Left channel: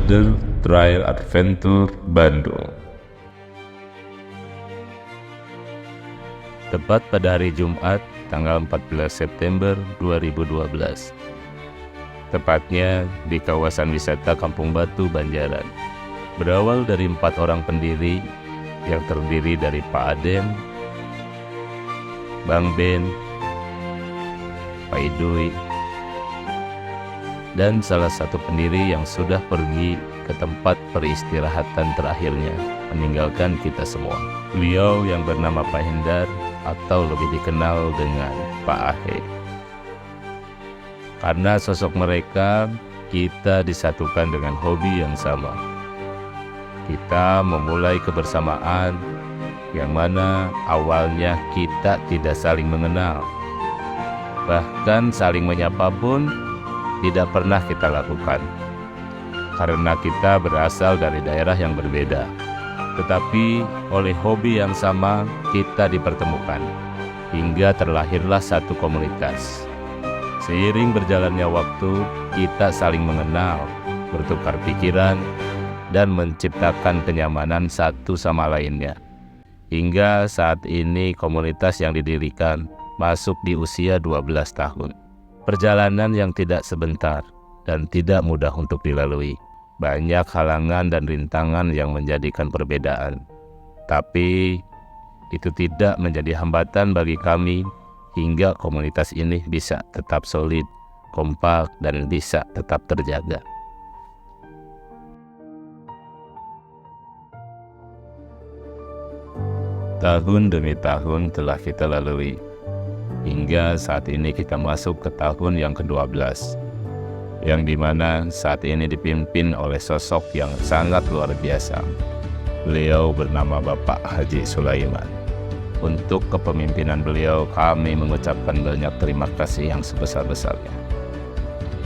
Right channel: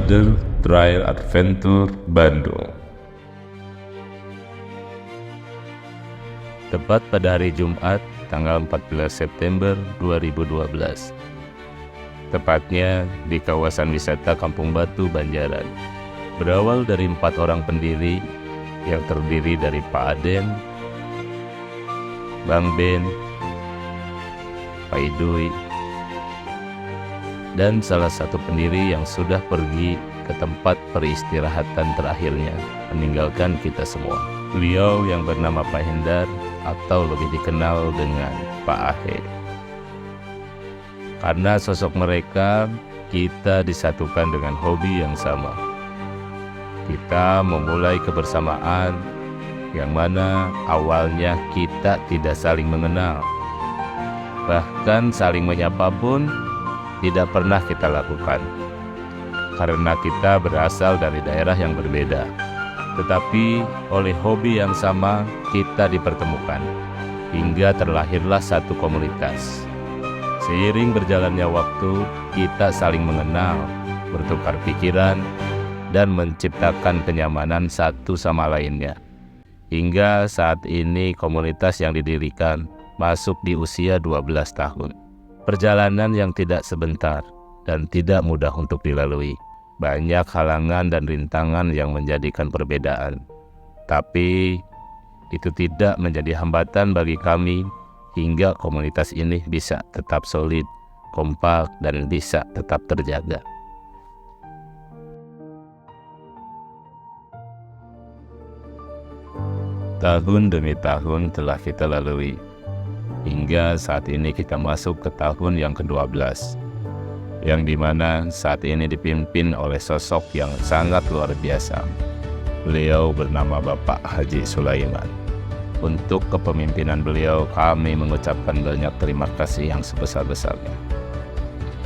Brother Trail Adventure Bandung. Tepat pada hari Jumat, tanggal 14 September 2012. Tepatnya di kawasan wisata Kampung Batu, Banjaran. Berawal dari 4 orang pendiri yang terdiri dari Pak Aden, Bang Ben, Pak Idui, dan salah satu pendiri yang sudah pergi ke tempat peristirahatan terakhirnya, meninggalkan kita semua. Beliau yang bernama Pak Hendar atau lebih dikenal dengan Pak Ahe. Karena sosok mereka, kita disatukan dengan hobi yang sama. Kita memulai kebersamaan yang mana awalnya kita tidak saling mengenal. Bahkan saling menyapa pun tidak pernah kita lakukan, karena kita berasal dari daerah yang berbeda. Tetapi oleh hobi yang sama, kita dipertemukan, hingga terlahirlah satu komunitas. Seiring berjalannya waktu, kita saling mengenal, bertukar pikiran, dan menciptakan kenyamanan satu sama lainnya. Hingga saat ini komunitas yang didirikan masuk di usia 12 tahun. Perjalanan yang tidak sebentar dan tidak mudah untuk dilalui. Banyak halangan dan rintangan yang menjadikan perbedaan. Tapi itu tidak menjadi hambatan bagi kami hingga komunitas ini bisa tetap solid, kompak, dan bisa tetap terjaga. Tahun demi tahun telah kita lalui. Hingga saat ini kita masuk ke tahun yang ke-12, yang dimana saat ini dipimpin oleh sosok yang sangat luar biasa. Beliau bernama Bapak Haji Sulaiman. Untuk kepemimpinan beliau, kami mengucapkan banyak terima kasih yang sebesar-besarnya.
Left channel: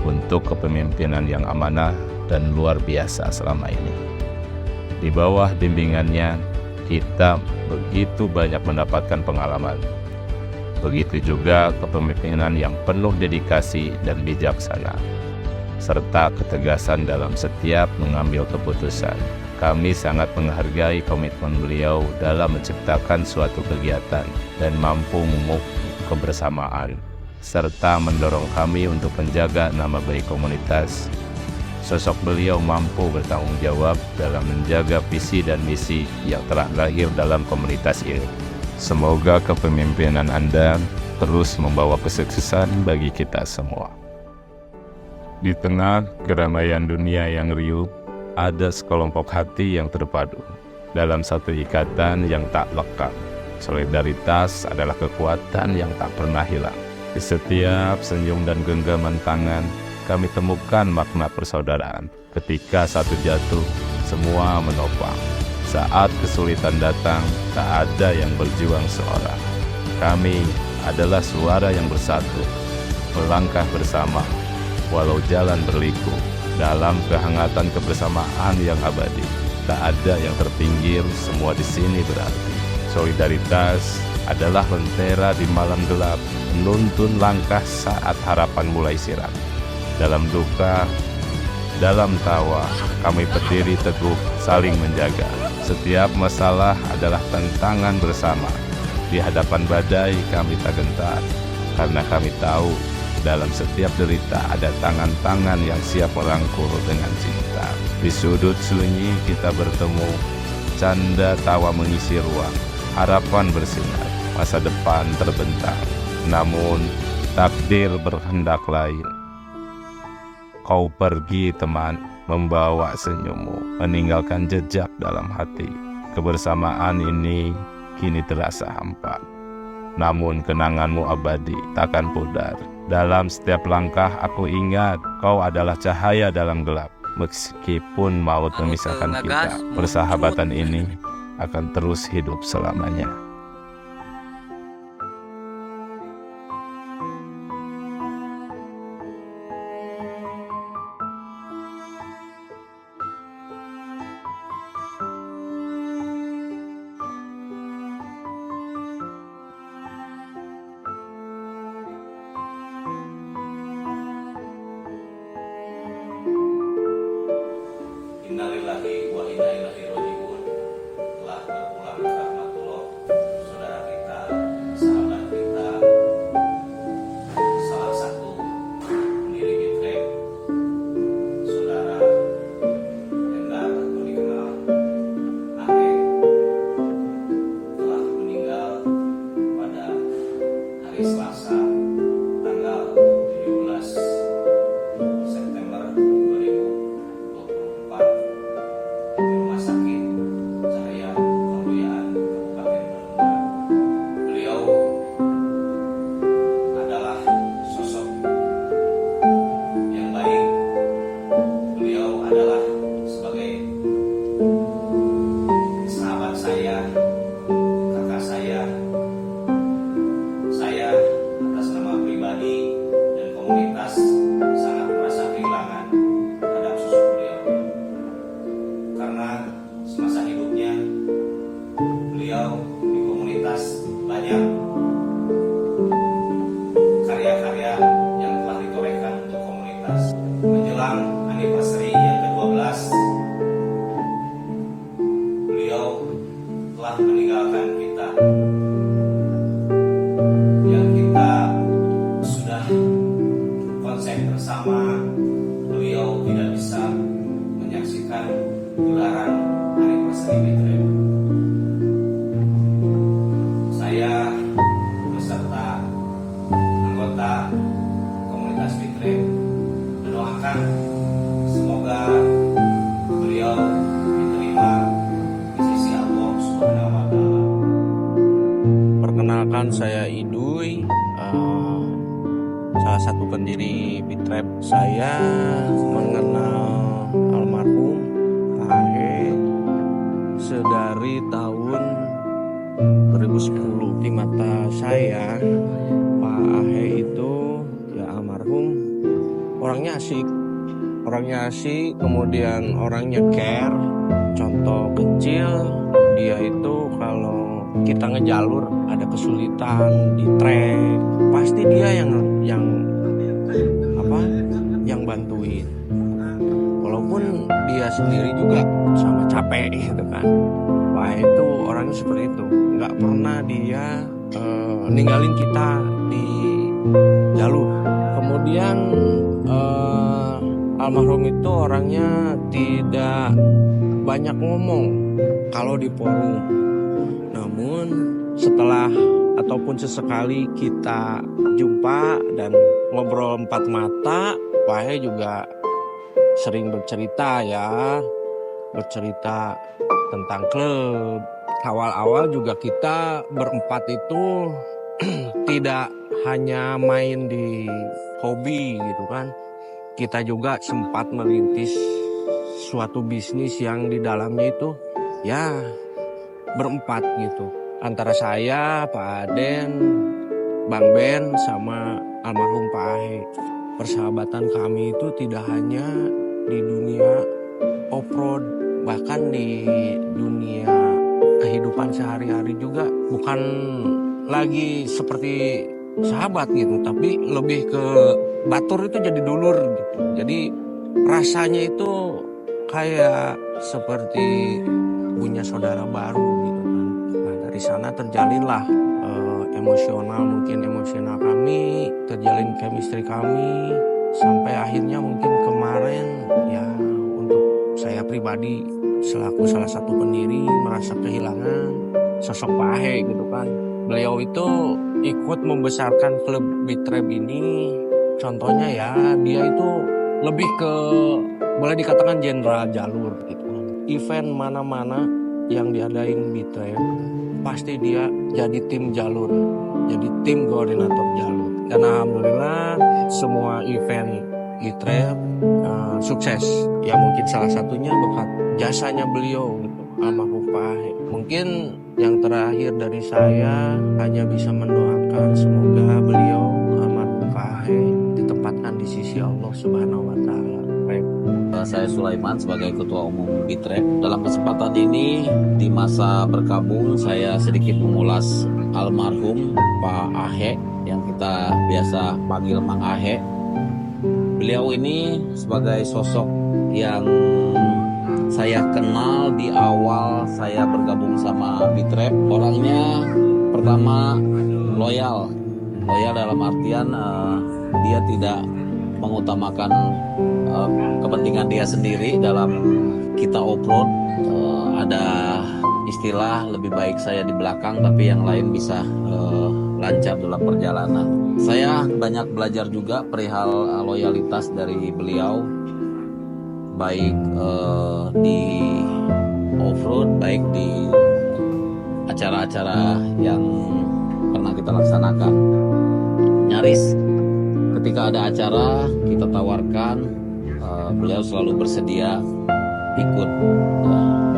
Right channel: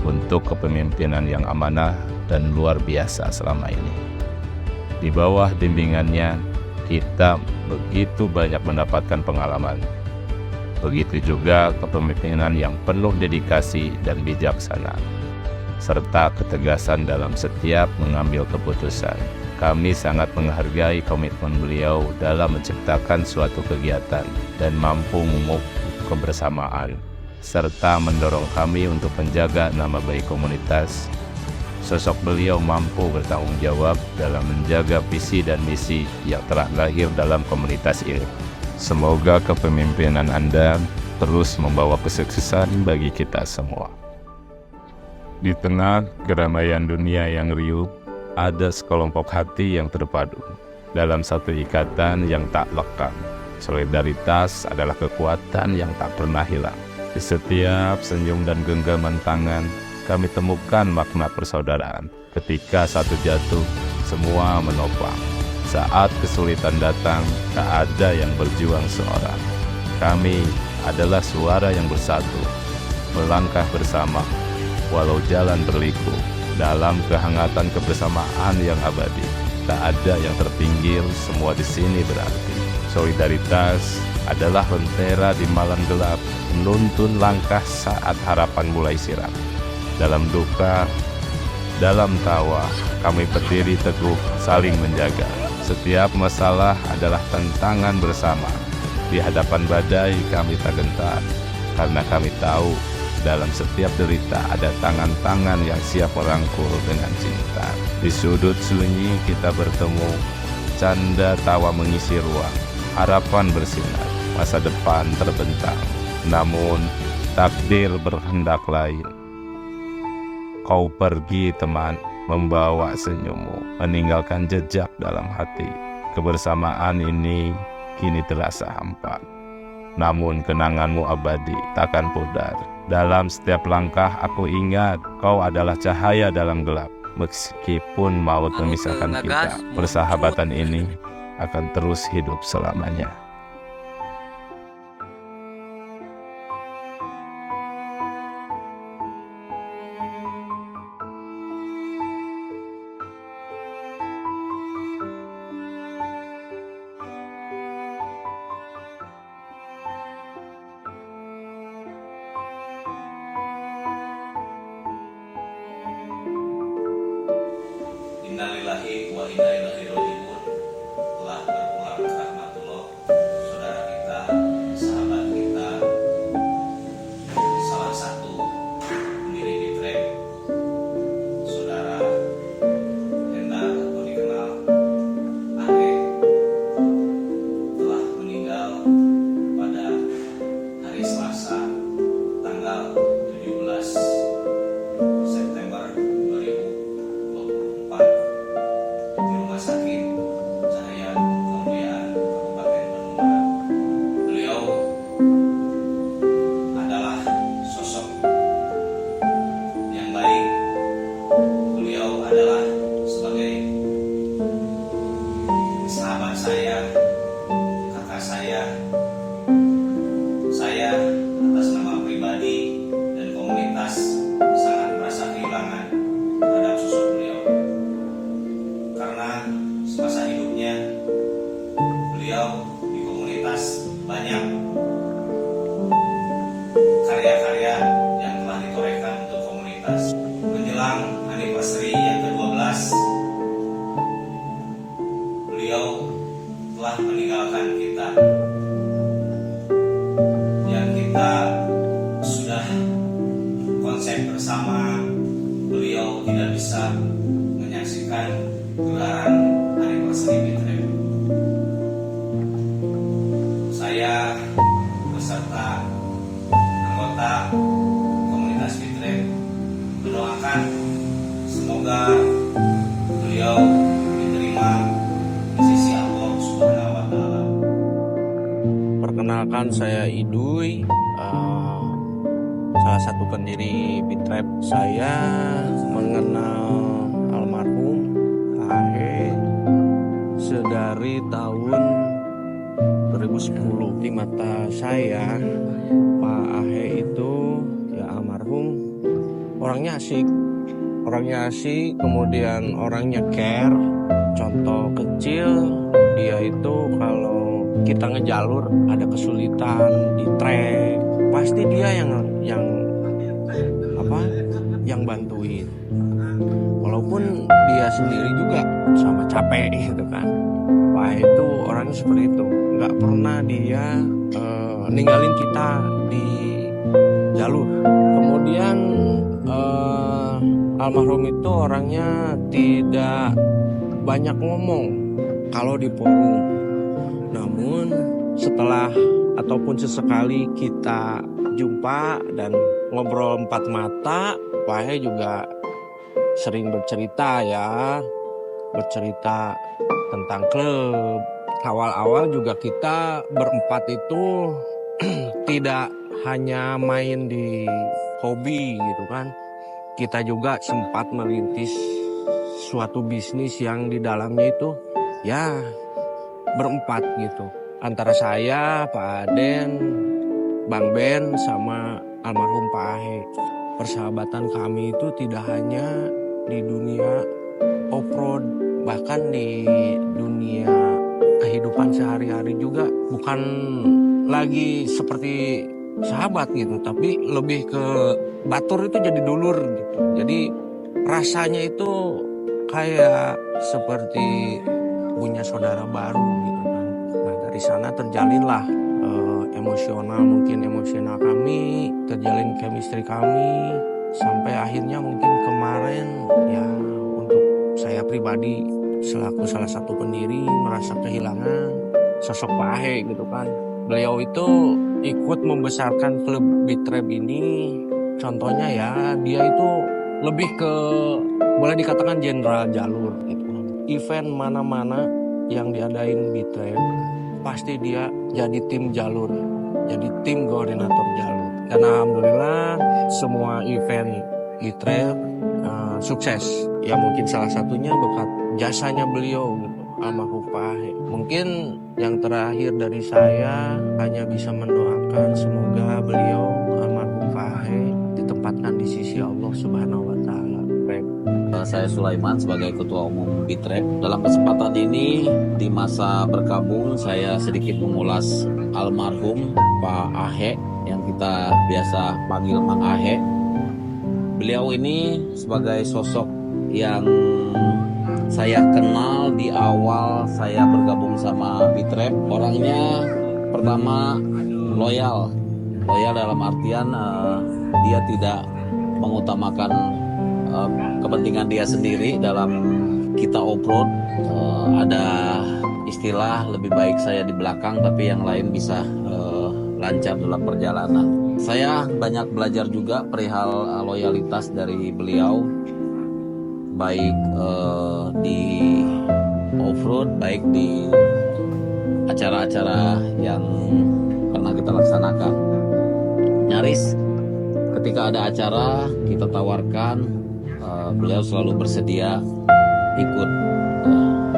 Untuk kepemimpinan yang amanah dan luar biasa selama ini. Di bawah bimbingannya, kita begitu banyak mendapatkan pengalaman. Begitu juga kepemimpinan yang penuh dedikasi dan bijaksana, serta ketegasan dalam setiap mengambil keputusan. Kami sangat menghargai komitmen beliau dalam menciptakan suatu kegiatan dan mampu memupuk kebersamaan, serta mendorong kami untuk menjaga nama baik komunitas. Sosok beliau mampu bertanggung jawab dalam menjaga visi dan misi yang telah lahir dalam komunitas ini. Semoga kepemimpinan Anda terus membawa kesuksesan bagi kita semua. Di tengah keramaian dunia yang riuh, ada sekelompok hati yang terpadu dalam satu ikatan yang tak lekang. Solidaritas adalah kekuatan yang tak pernah hilang. Di setiap senyum dan genggaman tangan, kami temukan makna persaudaraan. Ketika satu jatuh, semua menopang. Saat kesulitan datang, tak ada yang berjuang seorang. Kami adalah suara yang bersatu, melangkah bersama, walau jalan berliku, dalam kehangatan kebersamaan yang abadi. Tak ada yang terpinggir, semua di sini berarti. Solidaritas adalah lentera di malam gelap, menuntun langkah saat harapan mulai sirap. Dalam duka, dalam tawa, kami berdiri teguh, saling menjaga. Setiap masalah adalah tantangan bersama. Di hadapan badai kami tak gentar, karena kami tahu dalam setiap derita ada tangan-tangan yang siap merangkul dengan cinta. Di sudut sunyi kita bertemu, canda tawa mengisi ruang, harapan bersinar, masa depan terbentang. Namun takdir berkehendak lain. Kau pergi teman, membawa senyummu, meninggalkan jejak dalam hati. Kebersamaan ini kini terasa hampa, namun kenanganmu abadi, takkan pudar. Dalam setiap langkah aku ingat, kau adalah cahaya dalam gelap. Meskipun maut memisahkan kita, persahabatan ini akan terus hidup selamanya. beliau di komunitas banyak karya-karya yang telah ditorehkan untuk komunitas. Menjelang anniversary yang ke-12, beliau telah meninggalkan kita. Yang kita sudah konsep bersama, beliau tidak bisa menyaksikan gelaran anniversary Bitrep. Saya beserta anggota komunitas Bitrep mendoakan semoga beliau diterima di sisi Allah Subhanahu wa Ta'ala. Perkenalkan, saya Iduy, salah satu pendiri Bitrep. Saya mengenal almarhum Ahe sedari tahun 2010. Di mata saya, Pak Ahe itu ya almarhum orangnya asik, kemudian orangnya care. Contoh kecil, dia itu kalau kita ngejalur ada kesulitan di trek, pasti dia yang bantuin. Walaupun dia sendiri juga sama capek gitu kan. Pak itu orangnya seperti itu, nggak pernah dia ninggalin kita di jalur. Kemudian almarhum itu orangnya tidak banyak ngomong kalau di forum. Namun setelah ataupun sesekali kita jumpa dan ngobrol empat mata, Pak He juga sering bercerita tentang klub. Awal-awal juga kita berempat itu tidak hanya main di hobi gitu kan. Kita juga sempat merintis suatu bisnis yang di dalamnya itu ya berempat gitu. Antara saya, Pak Aden, Bang Ben, sama almarhum Pak Ahe. Persahabatan kami itu tidak hanya di dunia off-road, bahkan di dunia kehidupan sehari-hari juga. Bukan lagi seperti sahabat gitu, tapi lebih ke batur itu jadi dulur gitu. Jadi rasanya itu kayak seperti punya saudara baru gitu kan. Nah dari sana terjalinlah emosional kami, terjalin chemistry kami, sampai akhirnya mungkin kemarin ya untuk saya pribadi selaku salah satu pendiri merasa kehilangan sosok Pak Ahe gitu kan. Beliau itu ikut membesarkan klub Bitrep ini. Contohnya ya dia itu lebih ke boleh dikatakan jenderal jalur gitu. Event mana-mana yang diadain Bitrep pasti dia jadi tim jalur, jadi tim koordinator jalur. Dan alhamdulillah semua event Bitrep sukses. Ya mungkin salah satunya berkat jasanya beliau gitu, almarhum Pak Ahe. Mungkin yang terakhir dari saya hanya bisa mendoakan semoga beliau almarhum Pak Ahe ditempatkan di sisi Allah Subhanahu wa Ta'ala. Saya Sulaiman sebagai Ketua Umum Bitrep. Dalam kesempatan ini di masa berkabung saya sedikit mengulas almarhum Pak Ahe yang kita biasa panggil Mang Ahe. Beliau ini sebagai sosok yang saya kenal di awal saya bergabung sama Bitrep. Orangnya pertama loyal dalam artian dia tidak mengutamakan kepentingan dia sendiri. Dalam kita off-road ada istilah lebih baik saya di belakang tapi yang lain bisa lancar dalam perjalanan. Saya banyak belajar juga perihal loyalitas dari beliau, baik di off-road, baik di acara-acara yang pernah kita laksanakan. Nyaris ketika ada acara kita tawarkan, beliau selalu bersedia ikut.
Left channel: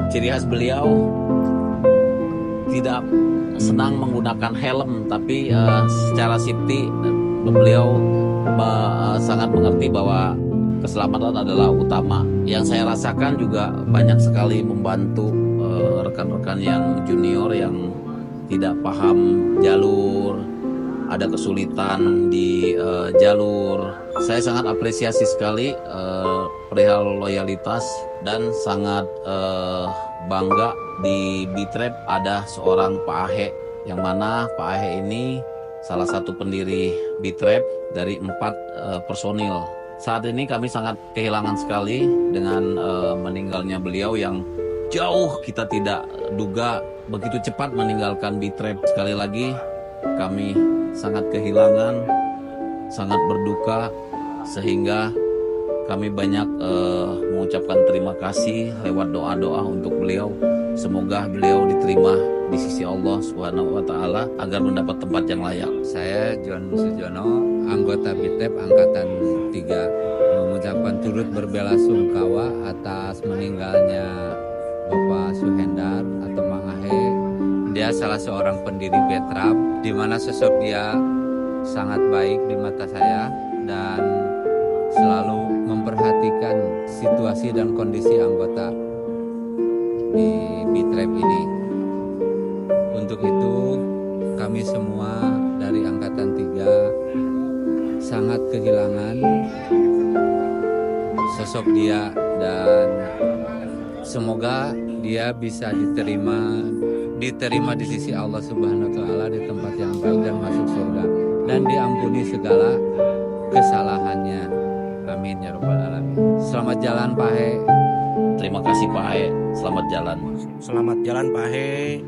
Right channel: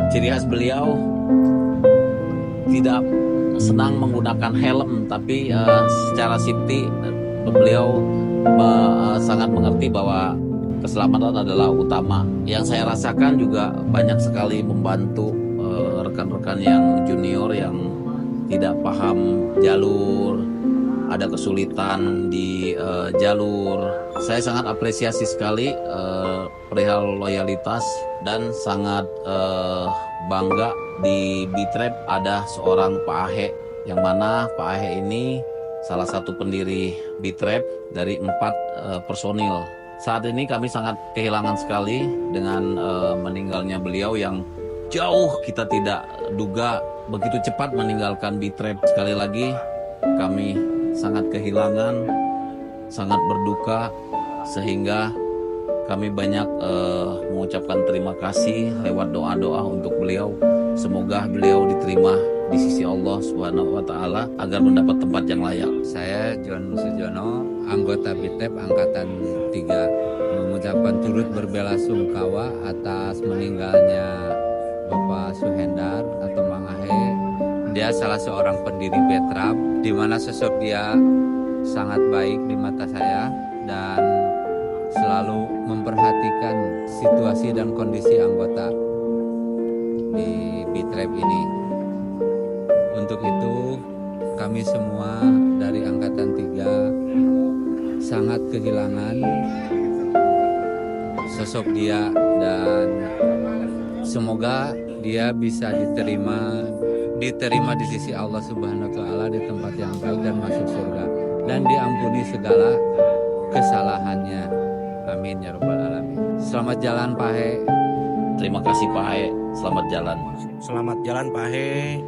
Ciri khas beliau tidak senang menggunakan helm, tapi secara safety beliau sangat mengerti bahwa keselamatan adalah utama. Yang saya rasakan juga banyak sekali membantu rekan-rekan yang junior yang tidak paham jalur, ada kesulitan di jalur. Saya sangat apresiasi sekali perihal loyalitas dan sangat bangga di Bitrep ada seorang Pak Ahe, yang mana Pak Ahe ini salah satu pendiri Bitrep dari 4 personil. Saat ini kami sangat kehilangan sekali dengan meninggalnya beliau yang jauh kita tidak duga begitu cepat meninggalkan Bitrep. Sekali lagi kami sangat kehilangan, sangat berduka, sehingga kami banyak mengucapkan terima kasih lewat doa-doa untuk beliau. Semoga beliau diterima di sisi Allah Subhanahu wa Ta'ala agar mendapat tempat yang layak. Saya John Sujono, anggota Bitrep Angkatan 3, mengucapkan turut berbelasungkawa atas meninggalnya Bapak Suhendar atau Mang Ahe. Dia salah seorang pendiri Bitrep, di mana sosok dia sangat baik di mata saya dan selalu memperhatikan situasi dan kondisi anggota di Bitrep ini. Untuk itu kami semua dari Angkatan 3 sangat kehilangan sosok dia dan semoga dia bisa diterima di sisi Allah Subhanahu wa Ta'ala di tempat yang baik dan masuk surga dan diampuni segala kesalahannya. Amin ya rabbal alamin. Selamat jalan Pak Ahe. Terima kasih Pak Ahe, selamat jalan. Selamat jalan Pak Ahe.